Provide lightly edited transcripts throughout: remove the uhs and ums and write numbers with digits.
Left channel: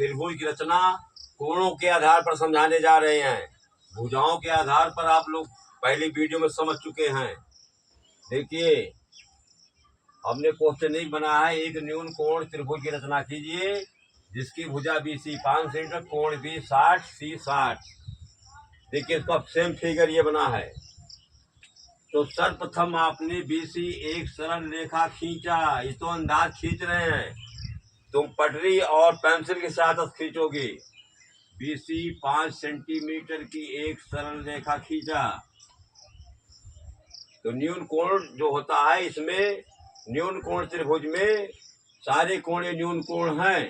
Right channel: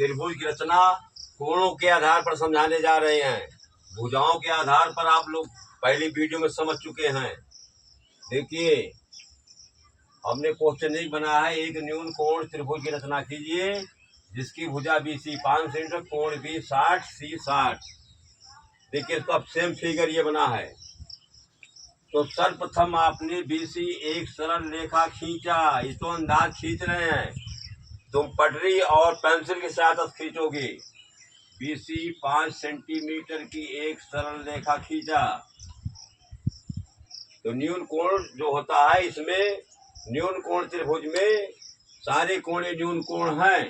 त्रिभुज की रचना कोणों के आधार पर समझाने जा रहे हैं। भुजाओं के आधार पर आप लोग पहली वीडियो में समझ चुके हैं। देखिए, हमने क्वेश्चन एक बनाया है, एक न्यून कोण त्रिभुज की रचना कीजिए जिसकी भुजा BC 5 सेंटीमीटर, कोण B 60, C 60। देखिए, इसका सेम फिगर ये बना है। तो सर्वप्रथम आपने BC एक सरल रेखा खींचा। ये तो अंदाज खींच रहे हैं, तुम पटरी और पेंसिल के साथ खींचोगे। BC 5 सेंटीमीटर की एक सरल रेखा खींचा। तो न्यून कोण जो होता है, इसमें न्यून कोण त्रिभुज में सारे कोण न्यून कोण हैं।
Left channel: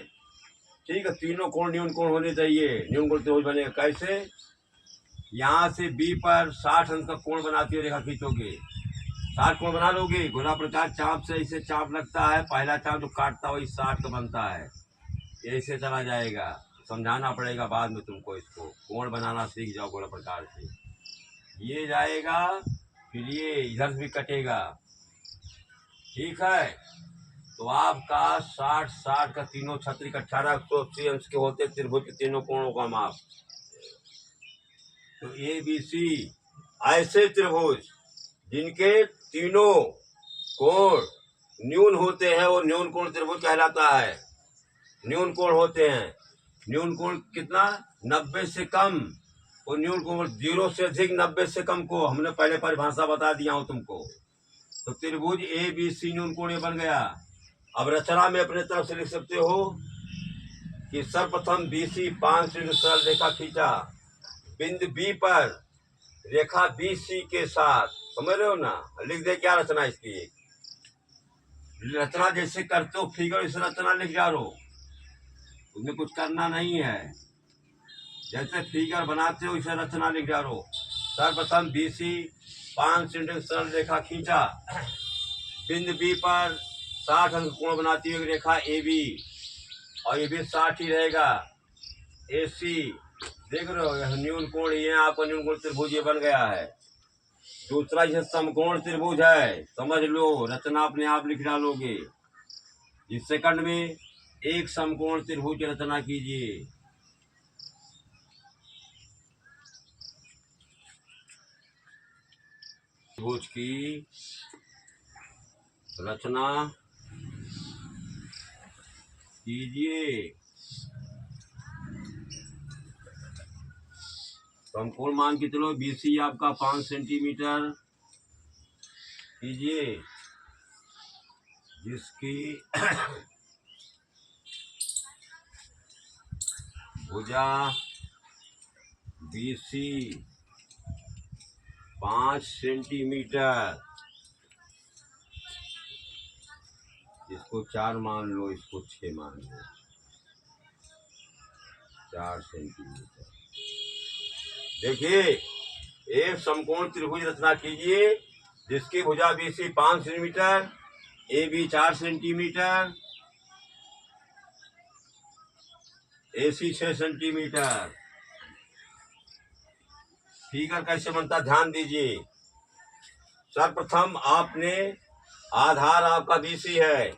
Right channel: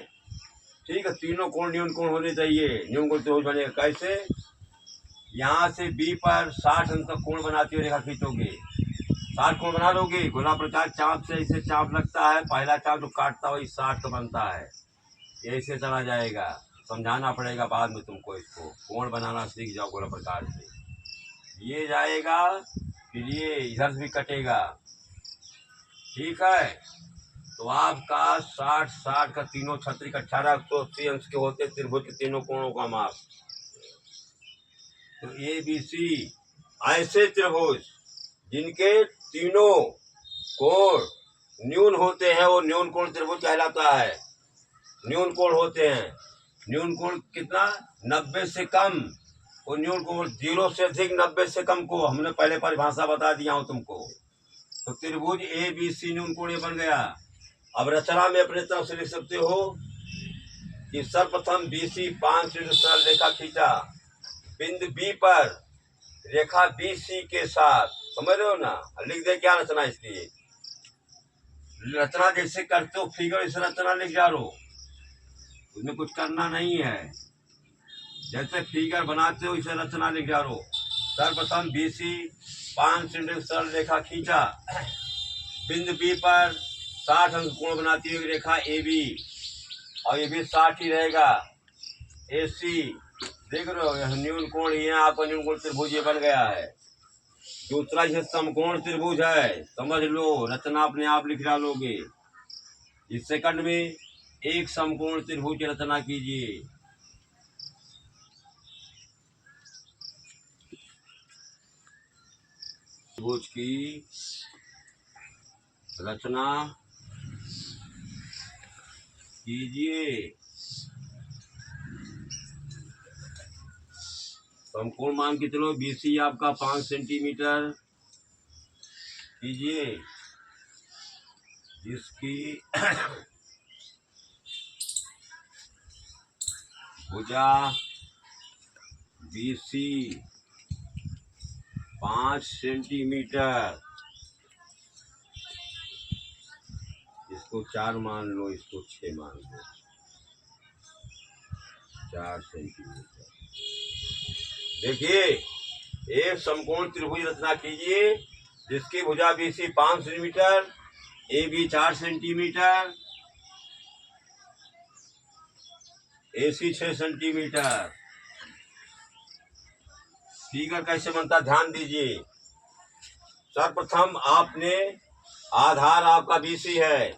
ठीक है, तीनों कोण न्यून कोण होने चाहिए। न्यून कोण त्रिभुज बनेगा कैसे? यहाँ से B पर 60 अंश का कोण बनाती हुई रेखा खींचोगे। 60 कोण बना लोगे। गोला प्रकार चाप से इसे चाप लगता है, पहला चाप जो काटता है वही 60 का बनता है। ऐसे चला जाएगा, समझाना पड़ेगा बाद में तुमको। इसको कोण बनाना सीख जाओ गोला प्रकार से। ये जाएगा, फिर ये इधर से भी कटेगा। ठीक है, तो आपका 60 का तीनों छत्रिक 1880 अंश के होते त्रिभुज के तीनों कोणों का माप। तो ABC ऐसे त्रिभुज जिनके तीनों कोण न्यून होते हैं वो न्यून कोण त्रिभुज कहलाता है। न्यून कोण होते हैं। न्यून कोण कितना? 90 से कम। और न्यून कोण 0 से अधिक, 90 से कम को हमने पहले परिभाषा बता दिया हूं तुमको। तो त्रिभुज ABC न्यून कोण बन गया। अब रचना में अपने तरफ से लिख सकते हो कि सर्वप्रथम BC 5 सेंटीमीटर सरल रेखा खींचा। बिंदु B पर रेखा BC के साथ, समझ रहे हो ना? लिख दे क्या रचना इसकी। रचना जैसे करते हो फिगर, इस रचना लिख जा रो, उसमें कुछ करना नहीं है। जैसे फिगर बनाते हो इसे रचना लिख जा रो। सर्वप्रथम BC 5 सेंटीमीटर सरल रेखा खींचा। बिंदु B पर 60 अंश कोण बनाती हुई रेखा AB, और ये भी 60 ही रहेगा। AC देख रहे हो, न्यून कोण ये आपका न्यून कोण त्रिभुज ये बन गया है। दूसरा ये समकोण त्रिभुज है, समझ लो। रचना अपने आप लिख डालोगे। इस सेकंड में एक समकोण त्रिभुज की रचना कीजिए। त्रिभुज की रचना कीजिए। समकोण मान के चलो, BC आपका 5 सेंटीमीटर कीजिए, जिसकी भुजा BC 5 सेंटीमीटर, इसको 4 मान लो, इसको 6 मान लो, 4 सेंटीमीटर। देखिए, एक समकोण त्रिभुज रचना कीजिए जिसकी भुजा BC 5 centimetre, AB 4 centimetre, AC 6 centimetre. Figure कैसे बनता ध्यान दीजिए। सर्वप्रथम आपने आधार आपका BC है।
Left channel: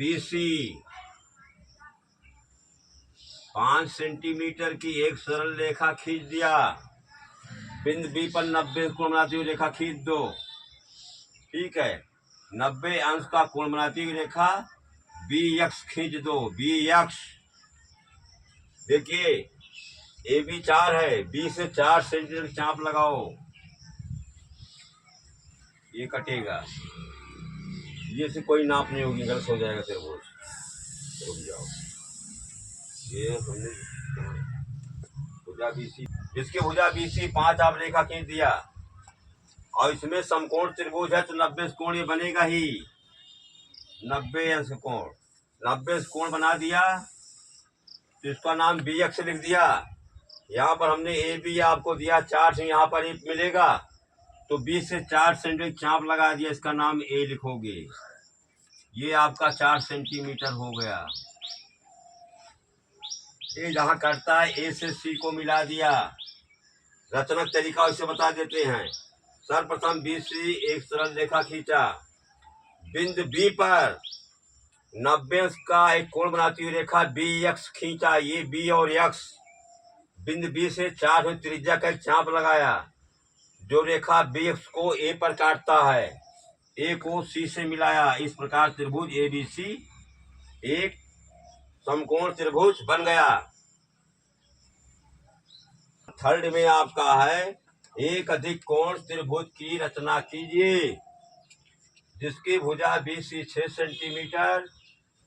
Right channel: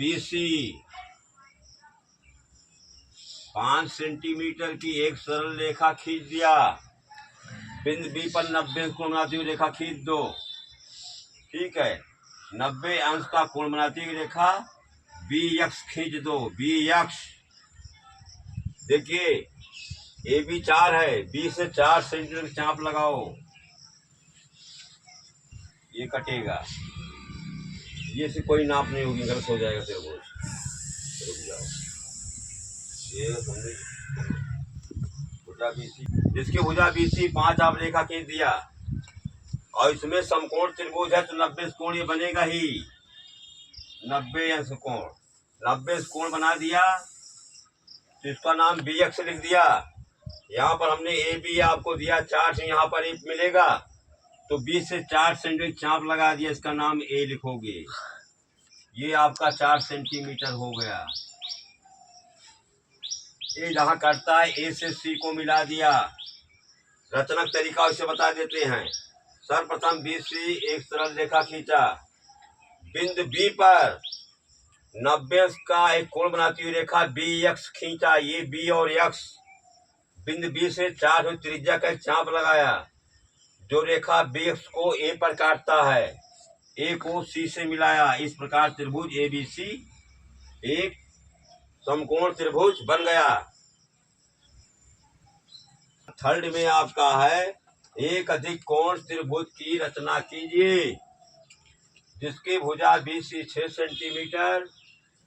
BC 5 सेंटीमीटर की एक सरल रेखा खींच दिया। बिंदु B पर 90 कोण बनाती हुई रेखा खींच दो। ठीक है, 90 अंश का कोण बनाती हुई रेखा BX खींच दो। BX देखिए, AB 4 है, B से 4 सेंटीमीटर की चाप लगाओ, ये कटेगा। ये से कोई नाप नहीं होगी, गलत हो जाएगा त्रिभुज। रुक जाओ, ये हमने भुजा BC, जिसकी भुजा BC 5 आप रेखा खींच दिया, और इसमें समकोण त्रिभुज है तो 90 कोण ये बनेगा ही। 90 अंश कोण, 90 कोण बना दिया तो इसका नाम BX लिख दिया। यहाँ पर हमने AB आपको दिया 4 से, यहाँ पर 1 मिलेगा तो 20 से 4 सेंटीमीटर चाप लगा दिया, इसका नाम A लिखोगे। ये आपका 4 सेंटीमीटर हो गया। ये जहाँ करता है A से C को मिला दिया। रचना तरीका इसे बता देते हैं। सर्वप्रथम BC एक सरल रेखा खींचा। बिंदु B पर 90 अंश का एक कोण बनाती हुई रेखा बी एक्स खींचा। ये बी और एक्स, बिंदु बी से 4 फुट त्रिज्या का एक चाप लगाया। जो रेखा बी एक्स को ए पर काटता है, ए को सी से मिलाया। इस प्रकार त्रिभुज ए बी सी एक समकोण त्रिभुज बन गया। थर्ड में आपका है, एक अधिक कोण त्रिभुज की रचना कीजिए जिसकी भुजा बी सी 6 सेंटीमीटर,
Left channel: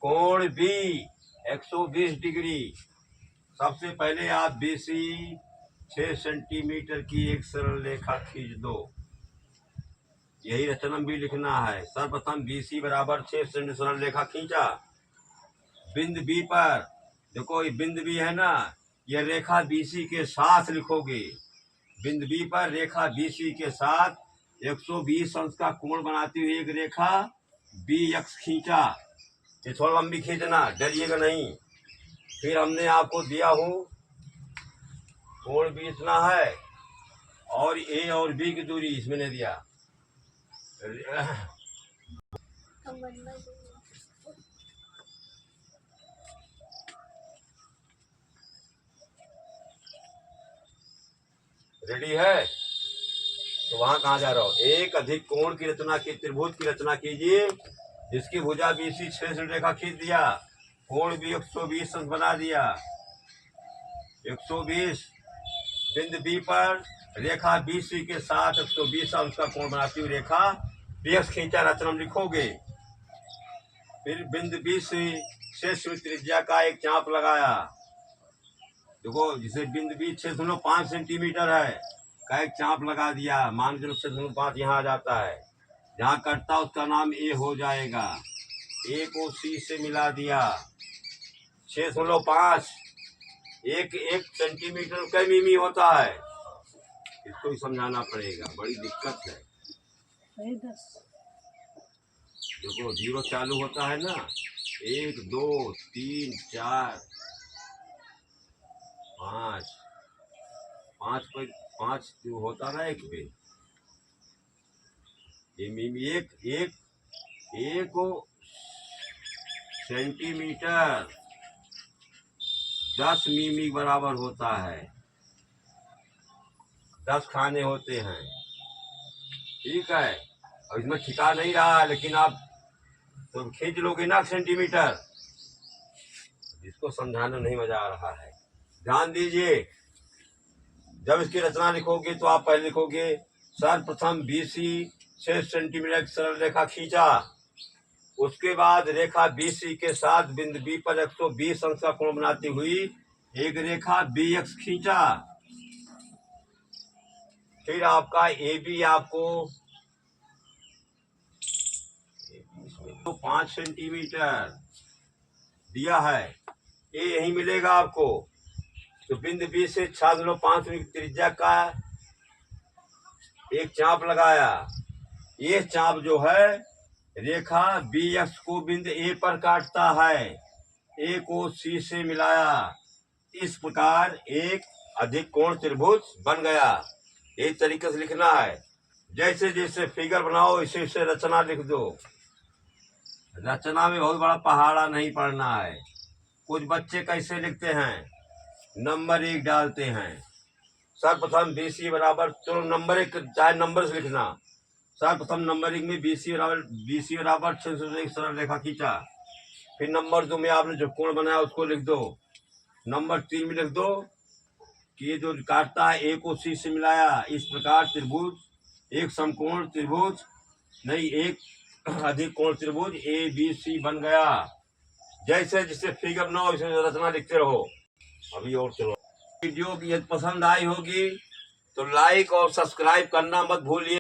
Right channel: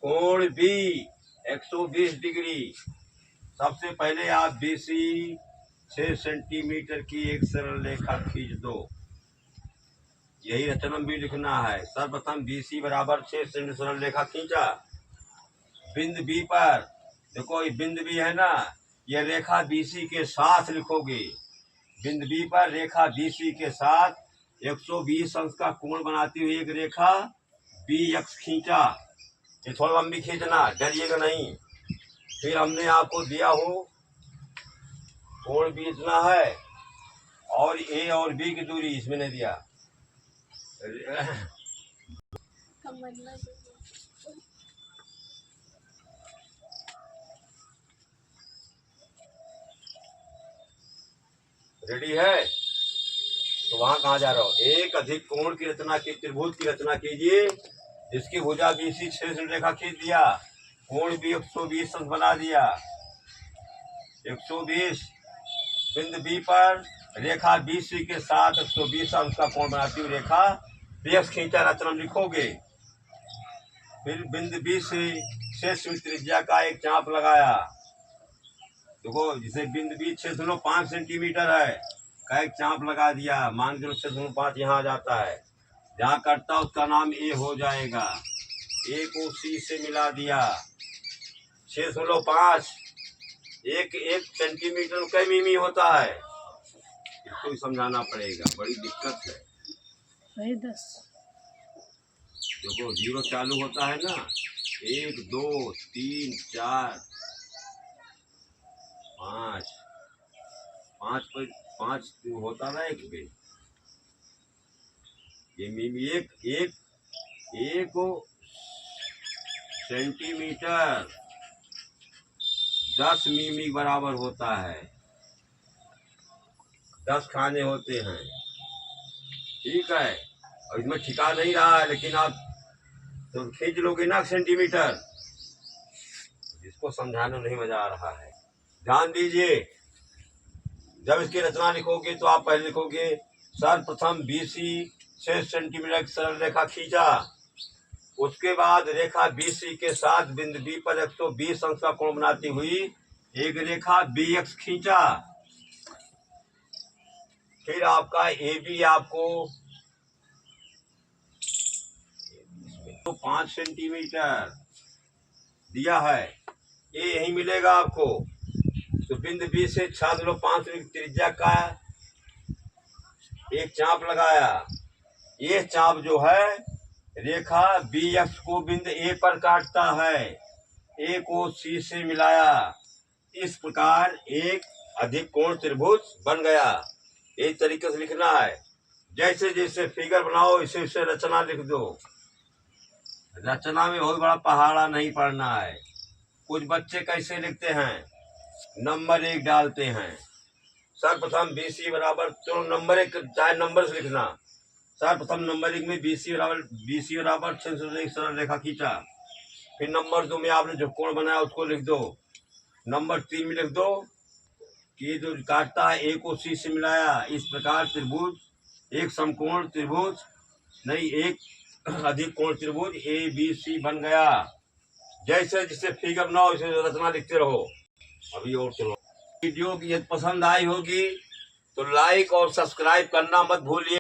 कोण बी 120 डिग्री। सबसे पहले आप बी सी 6 सेंटीमीटर की एक सरल रेखा खींच दो। यही रचना भी लिखना है। सर्वप्रथम बी सी बराबर 6 सेंटीमीटर सरल रेखा खींचा। बिंदु बी पर देखो, ये बिंदु बी है ना, यह रेखा बी सी के साथ लिखोगे। बिंदु बी पर रेखा बी सी के साथ 120 अंश का कोण बनाती हुई एक रेखा बी एक्स खींचा। ये थोड़ा लंबी खींचना, डरिएगा नहीं। फिर हमने आपको दिया हो कोण भी इतना है और ए और बी की दूरी इसमें नहीं दिया। रेडी है? तो वहां कहाँ जा रहा हो? एक अधिक कोण की रचना की त्रिभुज की रचना कीजिए जिसकी भुजा बी सी 6 सेंटीमीटर रेखा खींच दिया, कोण भी 120 अंश बना दिया। 120 बिंदु बी पर रेखा बी सी के साथ 120 अंश का कोण बनाती हुई रेखा बी एक्स खींचा। रचना लिखोगे। फिर बिंदु बी से 6 सेंटीमीटर त्रिज्या का एक चाप लगाया। देखो, जिसे बिंदु बी 6.5 सेंटीमीटर है का एक चाप लगा दिया। मान के 6.5 यहाँ आ जाता है। जहाँ कटता उसका नाम ए हो जाएगा। ए को सी से मिला दिया। 6.5 एक सेंटीमीटर कई मिमी होता है। इसको भी समझाना पड़ेगा, बड़ी दिक्कत है। 10 देखो, 0 चालू होता है ना, 1 2 3 4 5 5 होता ना एक पे। ये मिमी एक सेंटीमीटर 10 मिमी बराबर होता है। 10 खाने होते हैं। ठीक है, और इसमें ठिका नहीं रहा है, लेकिन आप तो खींच लोगे ना सेंटीमीटर। जिसको समझाने नहीं मजा आ रहा है, ध्यान दीजिए। जब इसकी रचना लिखोगे तो आप पहले लिखोगे सर्वप्रथम बी सी 6 सेंटीमीटर की सरल रेखा खींचा। उसके बाद रेखा बी सी के साथ बिंदु बी पर 120 अंश का कोण बनाती हुई एक रेखा बी एक्स खींचा। फिर आपका ए बी आपको 5 सेंटीमीटर दिया है। ए यही मिलेगा आपको। तो बिंदु बी से 6.5 मीटर त्रिज्या का एक चाप लगाया। ये चाप जो है रेखा बी एक्स को बिंदु ए पर काटता है। ए को सी से मिलाया। इस प्रकार एक अधिक कोण त्रिभुज बन गया। एक तरीके से लिखना है। जैसे जैसे फिगर बनाओ इसे उसे रचना लिख दो। रचना में बहुत बड़ा पहाड़ा नहीं पढ़ना है। कुछ बच्चे कैसे लिखते हैं, नंबर 1 डालते हैं। सर्वप्रथम बी सी बराबर, तो नंबर 1 चाहे नंबर से लिखना। सर्वप्रथम नंबर 1 में बी सी बराबर 6 से एक सरल रेखा खींचा। फिर नंबर 2 में आपने जो कोण बनाया उसको लिख दो। नंबर 3 में लिख दो कि ये जो काटता है ए को सी से मिलाया। इस प्रकार त्रिभुज, एक समकोण त्रिभुज नहीं, एक अधिक कोण त्रिभुज ए बी सी बन गया। जैसे जिससे फिगर बनाओ इसे रचना लिखते रहो। अभी और चलो। वीडियो की यदि पसंद आई होगी तो लाइक और सब्सक्राइब करना मत भूलिए।